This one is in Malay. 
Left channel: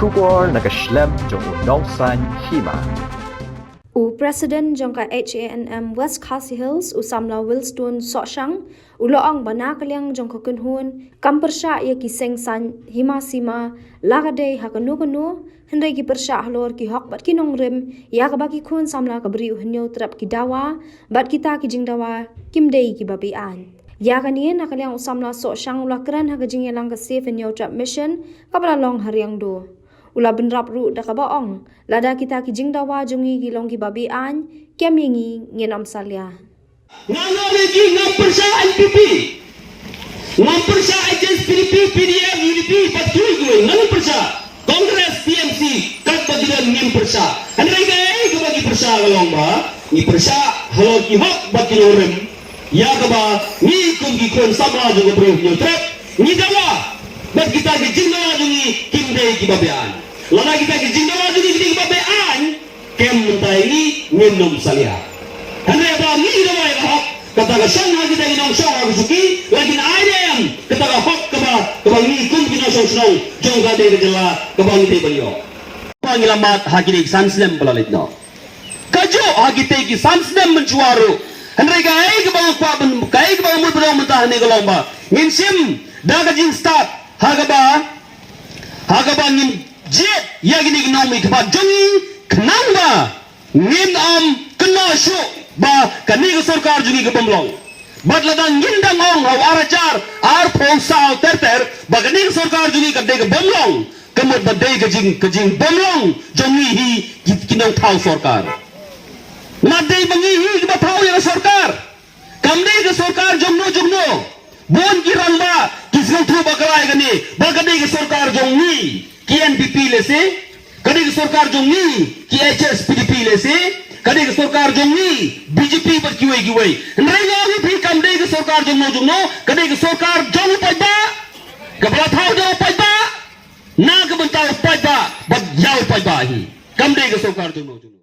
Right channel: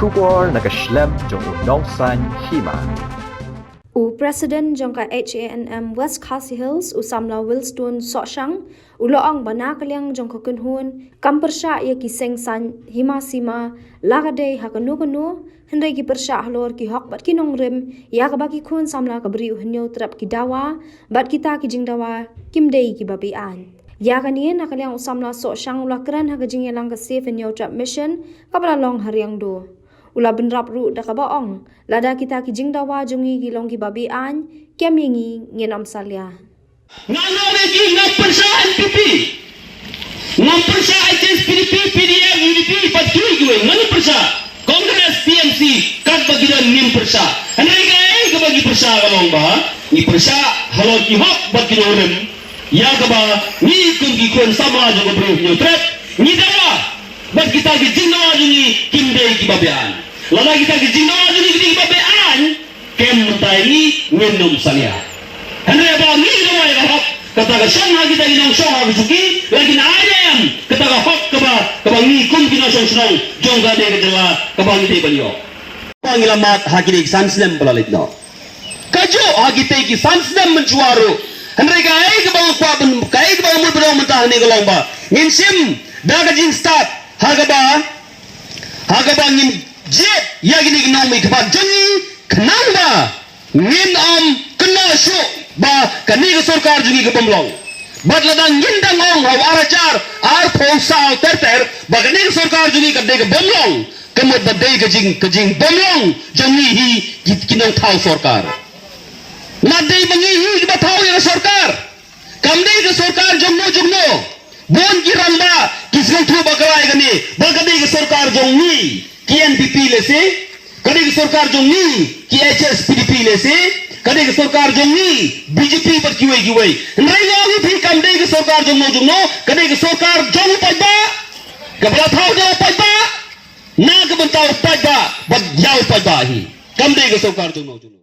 Shubor nakaslem jong unongsan Hima. President jongka HANM West Khasi Hills usamla Willstone Soshang uloang banakaliang jongka kunhun kampersha ya kiseng san Hima sima lagade hakanu Hynrei ki persha halor ki hok bat kinong rim ya kabaki kun samla kabri uhnyo trap ki Dawa bat kita ki jing Dawa kimdei ki Be-Aiñ ya kanien nakaliang usamla Soshang ulakran hakajing yalang ka safe hnyo trap mission kabla long hariang do Ula benrap ru da kabaong Lada kita ki jing Dawa jungi gilong ki Be-Aiñ kem yingi Ngin Salia Ngalawi ki ngampersa NPP ngampersa HSPDP PDF UDP patui gue ngampersa Kongres PMC kat bagiran nim persa Hynrei ke bagi persa kalong ba ni persa halor ki hok bagiran rem ya kaba ni kum ki kon sama jo bro nyo trap ni Dawa bat kita ki jing Dawa jungi kimdei ki Be-Aiñ Lada kita ki jing Dawa jungi ki Be-Aiñ kem mentai ni Ngin Salia Hynrei ba ni Dawa ya hok kata ka song ha kita ginong song ha suki lagi na ayam kata ka hok kaba ni kum ki no song jong ka de jela kaba ni de banyo panglamat ha ki sanslem balalit no kajo ha kita ki sanslem menjuaru Hynrei ka ai ka bang pa ben kai ka bang mo bro mentah ni galomba ngin sim da ka jin start ha ka ba ngin je ya gini gnami ka jongi knamba ngin kena shu ba kani ka sarkar jungi ka bamlong bat ladang ngin dang ong haw arachar ar phonsa ter ba kani ka sarkar jungi ka de ka bamlong kamot ba de ka jing bamlong jongi hi kinong thau sarkar na de bangi hi ba thau ya sarkar kamde ka sarkar jumno bon ki ramba kisang thu bakarai gani ba kani ka sarkar jongi ki NPP le se kani ka sarkar jongi ki HSPDP le se kani ka sarkar jongi BJP par kiwai Hynrei logi thi kamde ka sarkar jumno kani ka sarkar jong pajba kabla thau jo pajba na ka bantau pajba bat yau pajba hi kamde ka sarkar jumno